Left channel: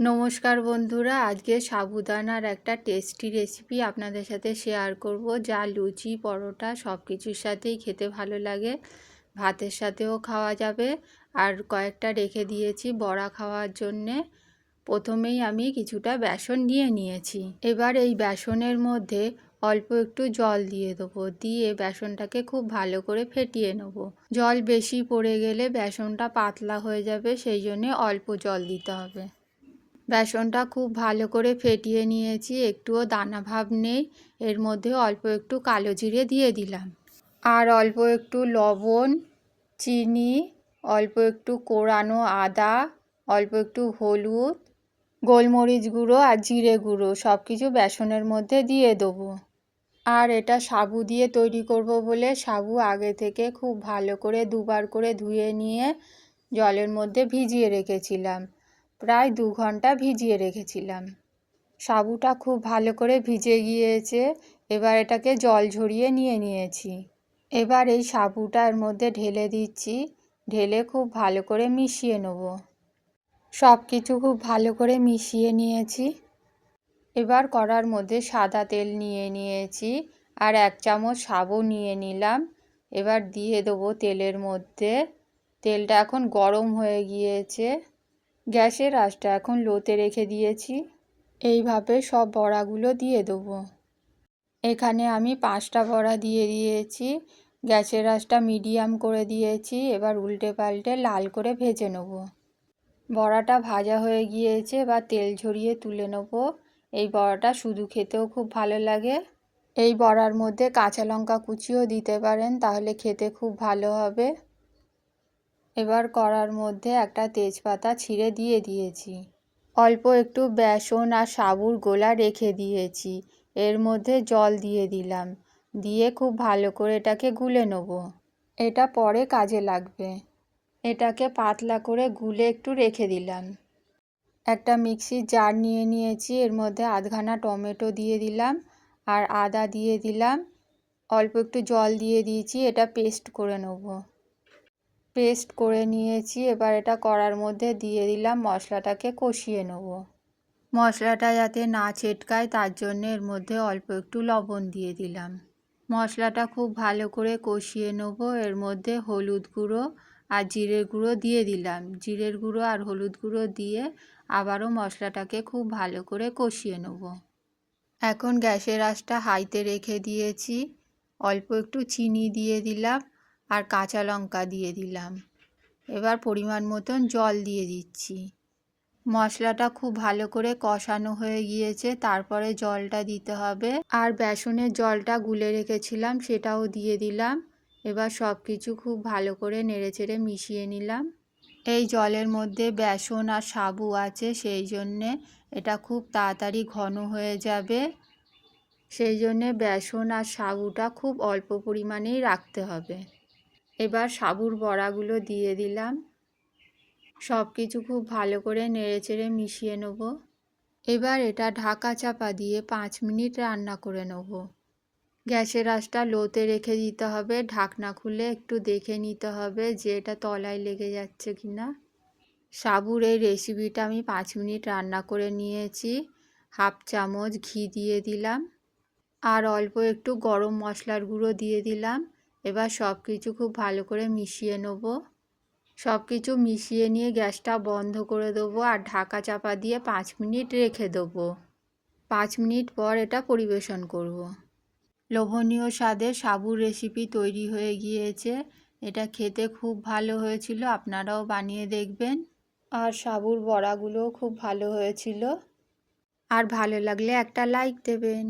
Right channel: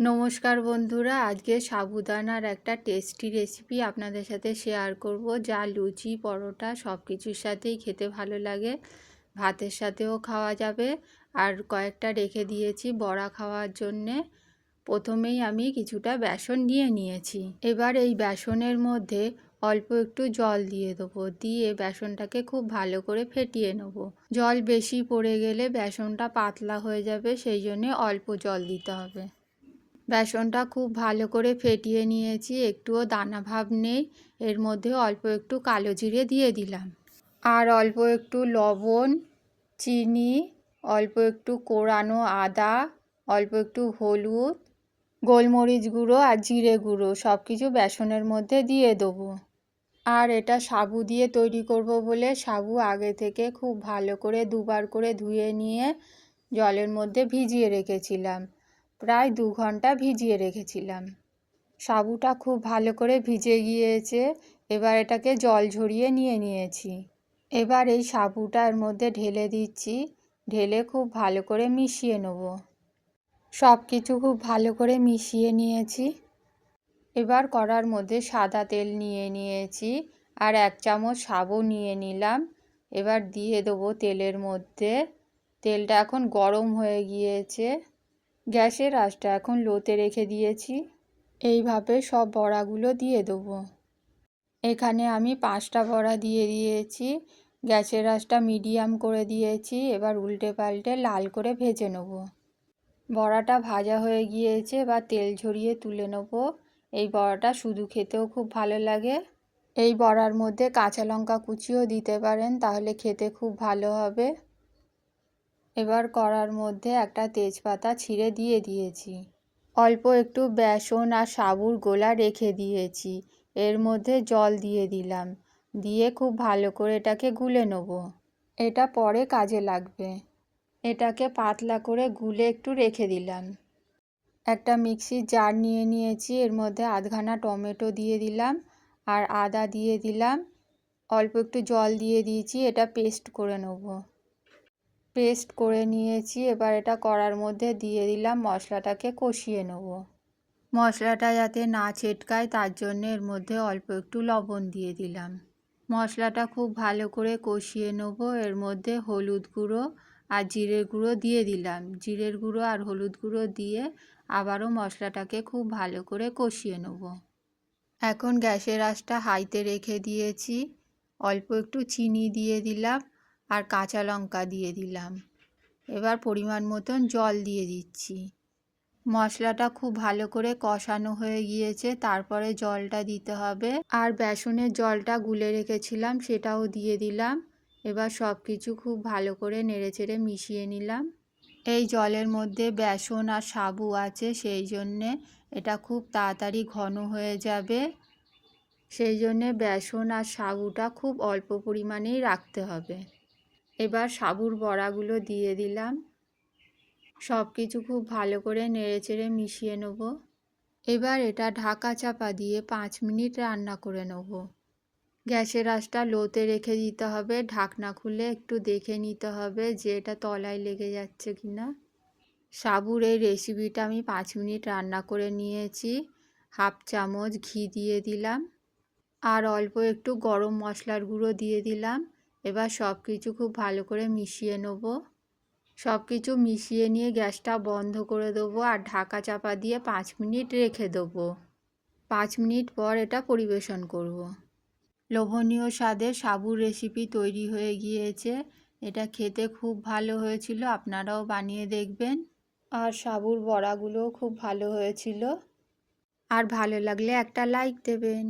নমস্কার বন্ধুরা, আজকে সাবুদানার একটা টেস্টি রেসিপি আপনাদের সাথে শেয়ার করব, যা লুচি, পরোটা সব কিছুর সাথেই খেতে ভালো লাগে। ভাতের সাথেও খাওয়া যাবে। আর কয়েকটা রেখে দিয়েছি বড়া খাওয়ার জন্যে। প্রথমেই আমি কিছুটা বেসন নিয়ে নিয়েছি। এবার এই বেসনের মধ্যে অল্প একটু জল দিয়ে দেবো, দিয়ে বেসনটাকে খুব ভালো করে ফেটিয়ে নেব। জল বেশি পড়ে গেলে বেসনটা পাতলা হয়ে যাবে, সেই জন্যে অল্প জল দিতে হবে। বেসনটা খুব ভালো করে ফেটিয়ে নিয়েছি। একটুও দানা ভাব নেই। এর মধ্যে অল্প একটু কালো জিরে দিয়ে দিলাম। আর অল্প একটু লবণ, চিনি, অল্প একটু কোরানো আদা, অল্প একটু হলুদ, গোলমরিচ গুঁড়ো আর জিরে গুঁড়ো সব কিছু বেসনের মধ্যে দিয়ে দেবো। আর এটা সাবু দিয়ে তৈরি করব বলে সাবু আগে থেকে খুব ভালো করে দুবার করে ধুয়ে নিয়ে জলের মধ্যে ভিজিয়ে রেখেছিলাম। প্রায় দু ঘণ্টা ভিজিয়ে রেখেছিলাম। সাবুটা খুব ভালো করে ভিজে গিয়েছে, এবার এটাকে জল ঝরিয়ে নিয়ে নিয়েছি। এবার এই সাবুটার মধ্যে ঢেলে দিচ্ছি, ঢেলে খুব ভালো করে মিশিয়ে নেব। সব কিছু খুব ভালো করে মিশিয়ে নিয়েছি। এবার কড়ার মধ্যে সাদা তেল নিয়ে নিয়েছি আর এক চামচ সাবু নিয়ে নিলাম। এবার দিয়ে দেবো তেলের মধ্যে। তেলটা এখন গরম হয়ে গিয়েছে। গ্যাসের আঁচটা এখন লোতে রেখে দিয়েছি। এইভাবে সব বড়াগুলো দিয়ে দেবো। এখানে আমি পাঁচটা বড়া দিয়ে দিয়েছি। গ্যাসের আঁচটা মিডিয়াম করে দিয়েছি। এবার উল্টে পাল্টে লাল করে ভেজে নেব। বড়াটা ভাজা হয়ে গিয়েছে। বা তেল ঝরিয়ে তুলে নেব। এই বড়াটা শুধু খেতেও খুব ভালো লাগে। এই বড়ার মধ্যে কাঁচা লঙ্কা কুচিও দিতে পারেন, তাহলে খেতে খুব ভালো হবে। এবার কড়ার মধ্যে একটা তেজপাতা ছিঁড়ে দিয়ে দিয়েছি। অল্প একটু বেসন আর সাবুর গোলা রেখে দিয়েছি। এর মধ্যে জল দিয়ে দিলাম। দিয়ে খুব ভালো করে এটাকে গুলে নেব। এটা পরে কাজে লাগবে। এটাকে পাতলা করে গুলে একটু রেখে দিলাম। একটা মিক্সির জার নিয়ে নিয়েছি। এর মধ্যে আধখানা টমেটো দিয়ে দিলাম আর আদা দিয়ে দিলাম। অল্প একটু জল দিয়ে দিয়েছি। এটা পেস্ট করে নেব। পেস্ট করে নিয়েছি, এবার এটা কড়ার মধ্যে দিয়ে দিলাম, মশলাটাকে কষিয়ে নেব। মশলাটা যাতে না ছেটকায়, তার জন্য এর মধ্যে অল্প একটু লবণ দিয়ে দিলাম। মশলাটা খুব ভালো করে কষিয়ে নেব, এর মধ্যে হলুদ গুঁড়ো আর জিরের গুঁড়ো দিয়ে দিলাম। জিরের গুঁড়ো আর হলুদ গুঁড়ো দিয়ে আবারও মশলাটাকে খুব ভালো করে কষিয়ে নেব। এখন গ্যাসের আঁচটা হাইতে রেখে দিয়েছি, অল্প একটু চিনি দিয়ে দিলাম আর কাঁচা লঙ্কা দিয়ে দিলাম। এবার পরিমাণ মতন জল দিয়ে দিচ্ছি। মশলাটা খুব ভালো করে কষানো হয়ে গিয়েছে, তারপরে জলটা দিতে হবে। আর বেসনের জলটা গুলে রেখেছিলাম, সেটাও দিয়ে দিলাম। এবার সব কিছু খুব ভালো করে নেড়েচেড়ে মিশিয়ে নিলাম। এই জলের মধ্যে বেসন আর সাবু আছে, সেই জন্যে এটা খুব তাড়াতাড়ি ঘন হয়ে যাবে। সেই জন্যে বেসন আর সাবুটা খুব অল্প পরিমাণেই রাখতে হবে। এবার সাবুর বড়াগুলো দিয়ে দিলাম। সব কিছু খুব ভালো করে নেড়েচেড়ে মিশিয়ে নেব। এবার এটা ঢাকা চাপা দিয়ে পাঁচ মিনিট রান্না করে নেব। গ্যাসের আঁচটা লোতে রেখে দিতে হবে। ঢাকনা খুলে একটু দেখে নিতে হবে যে এটা তলায় লেগে যাচ্ছে কি না সাবুর এই রেসিপিটা আমি পাঁচ মিনিট রান্না করে নিয়েছি। হাফ চামচ ঘি দিয়ে দিলাম। আর অল্প একটু গরম মশলার গুঁড়ো দিয়ে দিলাম। এবার সব কিছু খুব ভালো করে মিশিয়ে নেব। সব কিছু মিশিয়ে নিয়ে গ্যাসটা বন্ধ করে দেবো আর ঢাকা চাপা দিয়ে পাঁচ মিনিট রেখে দেবো। পাঁচ মিনিট পর এটা পরিবেশন করব। লোভনীয় স্বাদে সাবুর রেসিপি তৈরি হয়ে গিয়েছে। এটা খেতে খুব ভালো হয়েছিল, আপনারাও বানিয়ে দেখবেন। আর সাবুর বড়াগুলোও খুব ভালো হয়েছিল। আর ভালো লাগলে একটা লাইক দেবেন।